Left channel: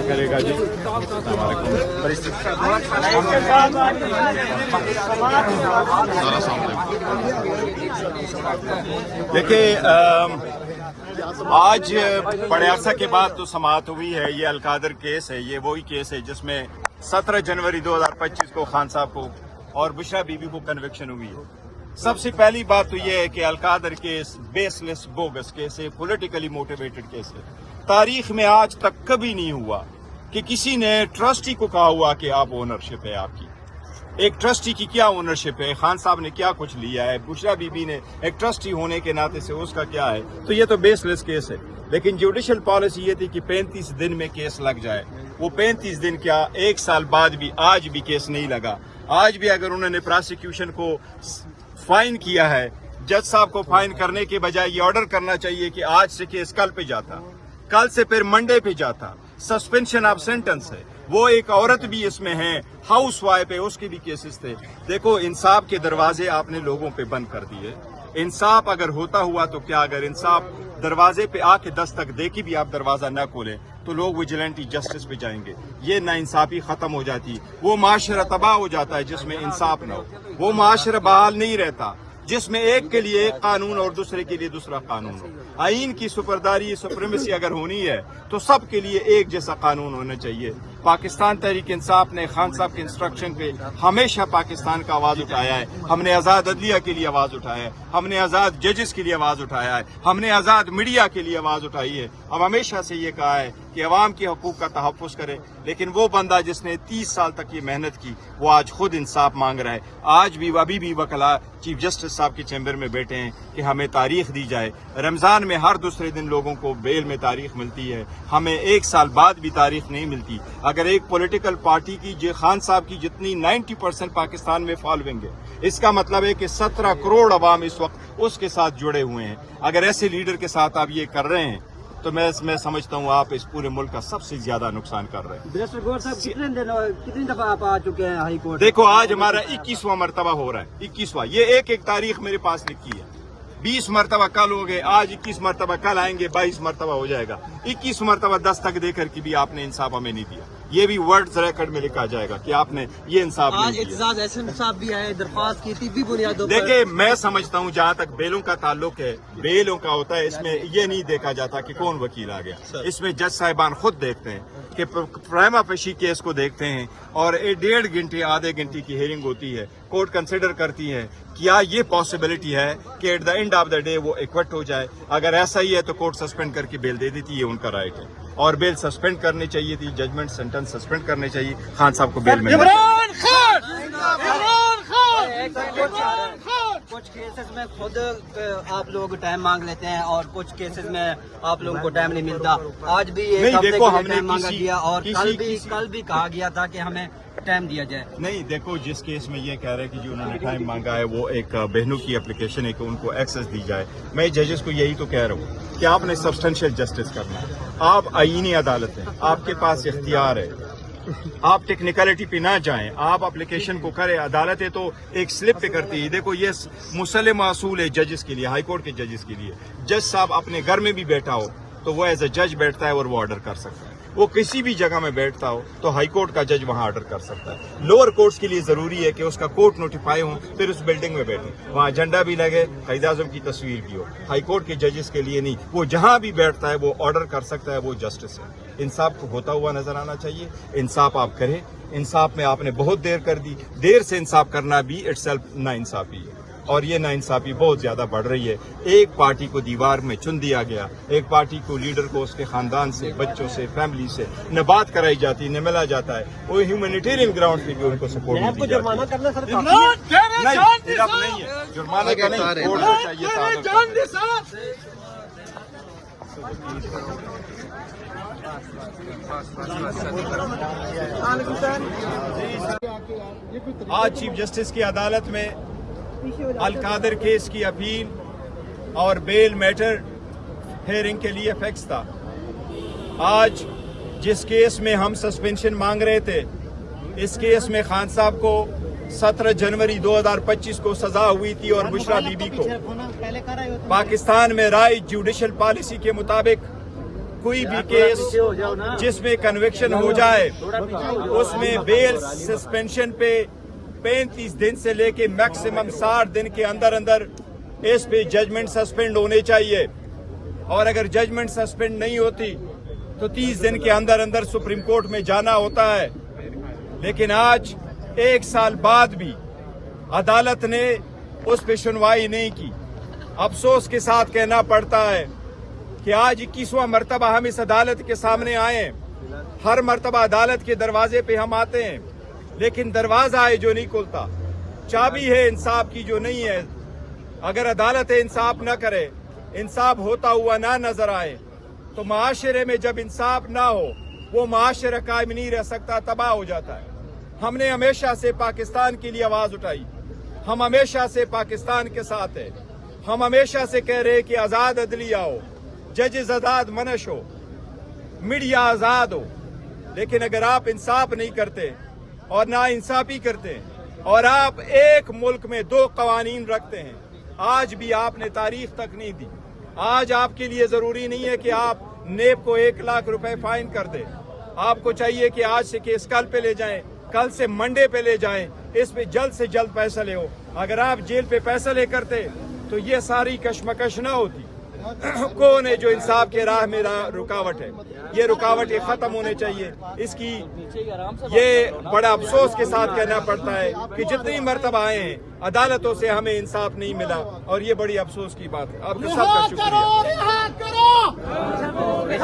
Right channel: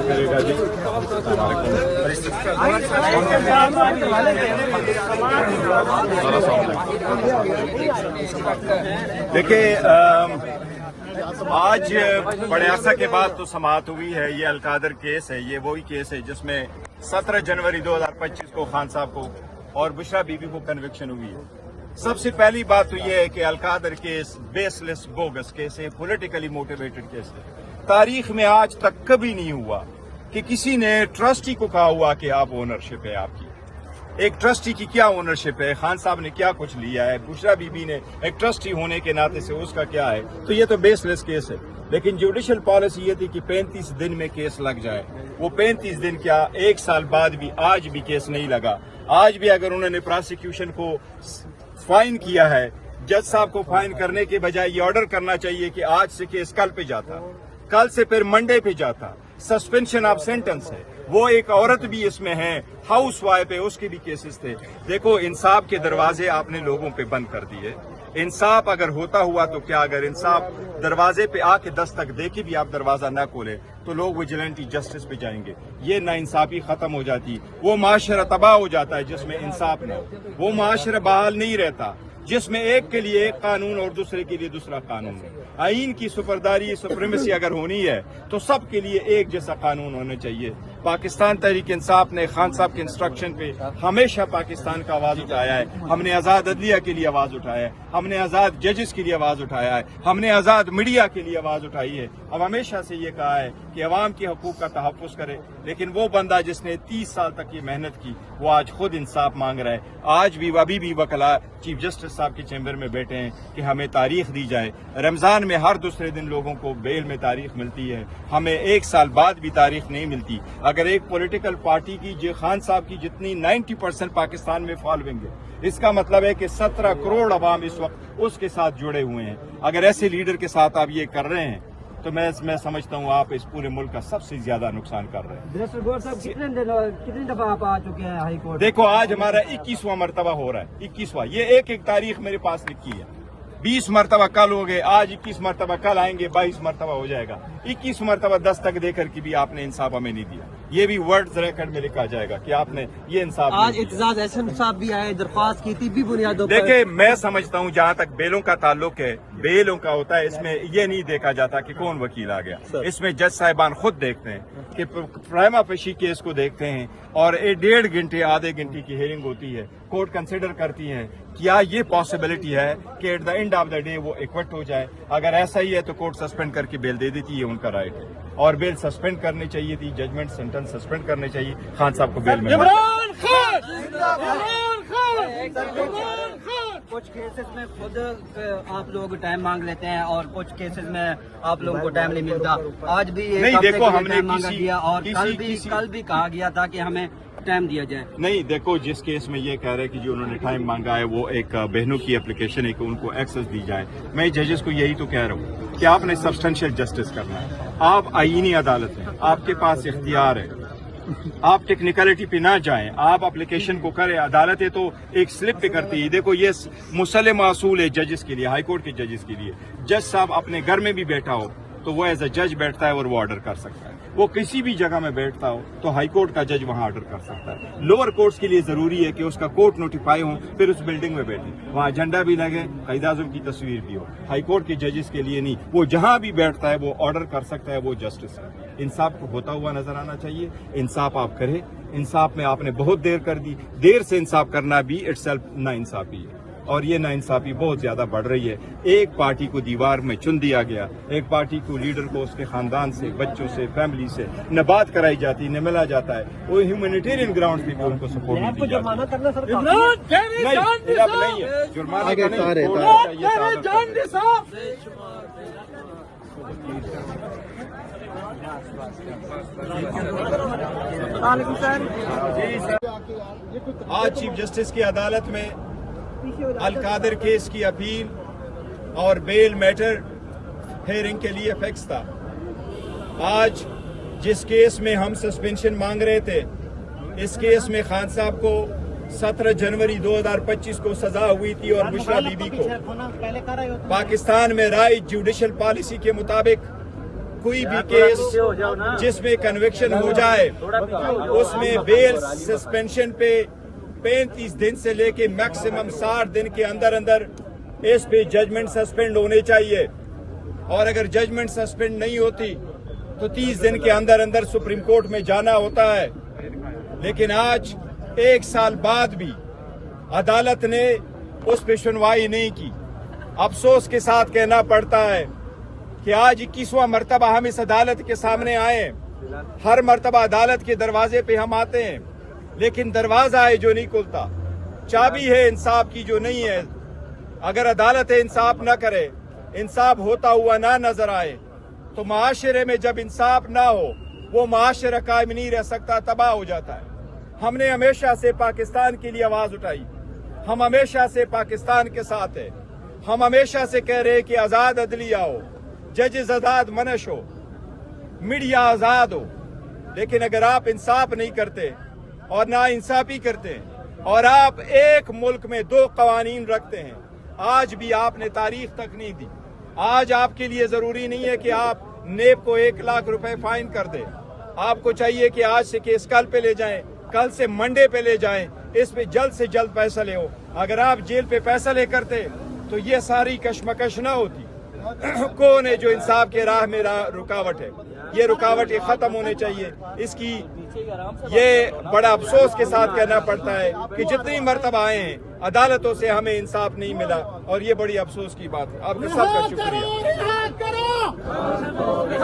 इंतजार करेगा जी। देखिए, आज बड़े अरसा के बाद तो समाअत हुई है। ये अलकादर केस है, ये वही केस है जिसमें 17 जनवरी 2025 को खान साहब को और बुशरा बीबी को कन्विक्शन हुई है। सबसे पहली बात तो ये है कि Al-Qadir case baseless bogus case है, पॉलिटिकली मोटिवेटेड केस है। तारीख में आज तक कभी नहीं हुआ कि किसी ने ट्रस्टी को कहा हुआ कि आप ओनरशिप है आपकी। एक ट्रस्टी की क्या ओनरशिप है, खान साहब ने क्या कुछ लिया है, बुशरा बीबी ने एक ट्रस्टी होने के नाते से उसका क्या है, तो ये तो बेसलेस केस है। लेकिन जुडिशल पॉलिसी ये थी कि 35 दिन में केस लग जाए। वो 35 दिन क्या, 1 साल बाद भी आज भी केस नहीं लगा। आज भी अगर उन्होंने प्रोसिक्यूशन को फाइन किया है, जज साहब को फाइन करने के बजाय ये ऑर्डर करना चाहिए कि आज से केस कल पे जाता, कल से फिर मंडे पे जाता। सस्पेंशन ऑफ सेंटेंस है। वो एक औरत भी इसमें है, हाउस वाइफ है, उसके भी केसेस थे। देखो, इंसाफ के दरवाजे आपने लोगों पे बंद कर दिए। इंसाफ अगर होता हुआ तो क्या, अगर इंसाफ दरवाजे पे आके दस्तक दे के भी आप दरवाजा ना खोलें तो लोग विजिलेंटी जस्टिस पे जाएंगे। ये नाइंसाफी खत्म हो जाती, वो माशरा तबाह हो जाता है जिसमें इंसाफ ना हो। वो माशरा बहाल नहीं रहता जिसमें एक के लिए एक कानून और दूसरे के लिए दूसरा कानून हो। आईन की सुपरदारी, सुप्रीमेसी अगर होनी है तो सबके लिए एक जैसा कानून होना चाहिए। पाकिस्तान तहरीक इंसाफ ने खान साहब के इंस्ट्रक्शन पे हमेशा पाकिस्तान का आवाज उठाया है। हमने आजाद अदलिया के लिए आवाज उठाया है, हमने आजाद जजेस के लिए आवाज उठाया है, हमने आजाद मीडिया के लिए आवाज उठाई है। अब हमेशा से ये कहा है कि अवाम के हकूक का तहफ़्फ़ुज़ करे। लेकिन वो बंदा जिसने 30 साल तक ये मेहनत की, वो आज खुद इंसाफ मांग रहा है। आज भी अभी भी वकला चीफ जस्टिस साहब के चैम्बर में बैठे हैं कि हमें तारीख दी जाए। रमजान में हर दूसरे दिन लोगों को बेल में तारीख मिलती है, हमें 1 साल बाद भी तारीख नहीं मिलती। अगर एक पॉलिटिकल पार्टी की खान साहब की जितनी 90% पाकिस्तान में फॉलोइंग है, इसका मतलब है कि 17 करोड़ अवाम इस वक्त उसके साथ जुड़े हुए हैं। अगर ऐसे लीडर के साथ आप ये कर रहे हैं तो मैं समझता हूँ आप इस पूरे मुल्क का सबसे ज्यादा नुकसान कर रहे हैं। कितनी दफा आप आ चुके हैं हाई कोर्ट? देखो, आज हमारा 21वां मरतबा हो रहा है। 21वां, ये एक एक तारीख मेरे पास लिखी है। 20 मरतबा कल हो गए, आज 21 मरतबा कल आएंगे, 22 मरतबा हो जाएगा। 21 मरतबा दस्तक देकर के भी आपने इंसाफ हमें नहीं दिया। ये भी वर्ड्स रिकॉर्ड में लिखा जाएगा कि आपने ये इंसाफ नहीं दिया। भी आए, दरख्वास्त की थी भी बुनियादों पर। देखिए, मैं समझता हूँ जहाँ तक बेलों का ताल्लुक है, बेलों का होता है, इसमें ये नहीं देखा जाता कि कौन वकील आ गया। इसमें जज साहिबान खुद देखते हैं कि प्राइमा फेशी केस को देखते हैं और 1.5 घंटे आधे घंटे की हियरिंग होती है। कोर्ट कंसिडर करती है क्या ये पॉसिबिलिटी है कि at the end of the day वो एक्विट हो जाए। अगर ऐसा ही है तो कोर्ट सस्पेंड करके बेल दे देती है, उनका राइट है। और बेल सस्पेंड करनी चाहिए थी, जजमेंट सेंटेंस सस्पेंड करने चाहिए, खान साहब को बेल मिलनी चाहिए। कुछ केसेस में खुद आप लोग टाइम मांग लेते हैं और कुछ केसेस में आप लोगों को टाइम नहीं मिलता। आज भी नहीं, देखो, हमने कल भी कहा गया था कि हमें टाइम दिया जाए। नहीं, देखो, जिस केस में ये कह रहे हैं कि जो उन्होंने टाइम मांगा है वो एक बहनों की एप्लीकेशन है कि उनको एक्सेस दी जाए। मैं जजेस को यही तो कह रहा हूँ कि आपने सब्सटेंशियल जस्टिस करना है। आप आईनी अदालत हैं, आपके पास इख्तियार है, आप टेक्निकलिटी पे ना जाएं, आप एप्लीकेशन को करें। अदालतें तो एक स्लिप पे करती है। देखो, ये मुसल्लम असूल है जजेस के लिए, हाई कोर्ट के जजेस के लिए। जज साहब अपने घर में भी बैठा हो तो वो एज ए जज बैठता है और वो ऑर्डर कर सकता है। वो किसी भी जगह में बैठता हो तो हाई कोर्ट का जज वहां ऑर्डर कर सकता है। लोअर कोर्ट्स के लिए जरूरी है कि उसका कोर्ट नोटिफाई हो, फिर उस बिल्डिंग में बैठे, वहां झंडा भी लगे, कायदे आज़म की तस्वीर भी हो। हाई कोर्ट के जजेस के लिए नहीं, वो जहां भी बैठता है वो ऑर्डर कर सकता है, वो जस्टिस है। इंसाफ को होता हुआ नजर आना चाहिए। इंसाफ आप करें। इंसाफ में आपने बहुत देर कर दी। देर से इंसाफ करना भी इटसेल्फ नाइंसाफी है और ये नाइंसाफी बहुत ज्यादा बढ़ रही है। एक पार्टी को दीवार में चुन दिया गया, एक पार्टी को लीडर को उसके खानदान से, बच्चों से, फैमिली से न बात कराई जाती, न मिला जाता है। वो ह्यूमैनिटेरियन ग्राउंड पे भी उनको सपोर्ट नहीं दी जाती। नहीं है, जुर्माना का नहीं। आज चीफ जस्टिस की अदालत में अलकादर केस की अपील और बेल मैटर हेयरिंग के लिए फिक्स था। आज जिस केस में हम सस्पेंशन मांग रहे थे, इस केस में खान साहब को 17 जनवरी 2025 को सजा हुई थी और बुशरा बीबी को पाकिस्तान में राइट जुडिशल पॉलिसी के मुताबिक कोई भी केस जिसमें कन्विक्शन हो जाए उसमें बेल सस्पेंशन पे 35 दिन से लेके मैक्सिमम 60 दिन के अंदर अंदर इस पे जजमेंट सस्पेंड होने चाहिए, और अगर जजमेंट सस्पेंड नहीं होती तो 30 दिन के अंदर अंदर सुप्रीम कोर्ट में जाना होता है। लेकिन आज 1 साल बाद भी अदालत ने उस पर सुनवाई नहीं की। अफसोस के साथ कहना पड़ता है कि आज 21वां मर्तबा हम इस अदालत के सामने आए हैं। हर मर्तबा अदालत के दरवाजे पे हम आते हैं, लेकिन दरवाजा है जो नहीं खुलता, चाबी है इंसाफ की जो नहीं है। अगर अदालत इंसाफ न करे, इंसाफ होता हुआ ना नजर आए, तो माशरे में जब इंसाफ ना हो वो माशरा कायम नहीं रह सकता, तबाह हो जाता है। हमने हमेशा से पाकिस्तान के लिए आवाज उठाई, हम हमेशा से पाकिस्तान के साथ है। हम हमेशा से कह रहे हैं कि आजाद अदलिया हो, जजेस आजाद मनश हो, मीडिया आजाद हो। लेकिन अगर आप इंसाफ नहीं करते और ना इंसाफी करते हैं और आप एक मुल्क में 2 कवानीन रखते हैं, आज भी आपने तारीख तक नहीं दी। आज आपके लिए जरूरी नहीं है कि आप नेब को 1 लाख रुपए फाइन कर दें। आपको चाहिए कि आज से केस कल पे ले जाएं, कल से मंडे पे ले जाएं, इस पे जल्द से जल्द फैसले हो। अगर आप जेल पे फैसले करते तो ये सारी कशमकश न होती। कौन है जो इंसाफ के राह में रुकावट है? ये रुकावट खत्म होने चाहिए। इसकी ये बड़ा अफसोस के साथ कहना पड़ता है कि जितनी मर्तबा आए हैं अदालतों से हमें इंसाफ नहीं मिला, और ये बड़ी अफसोस की बात है। आपका सबका शुक्रिया।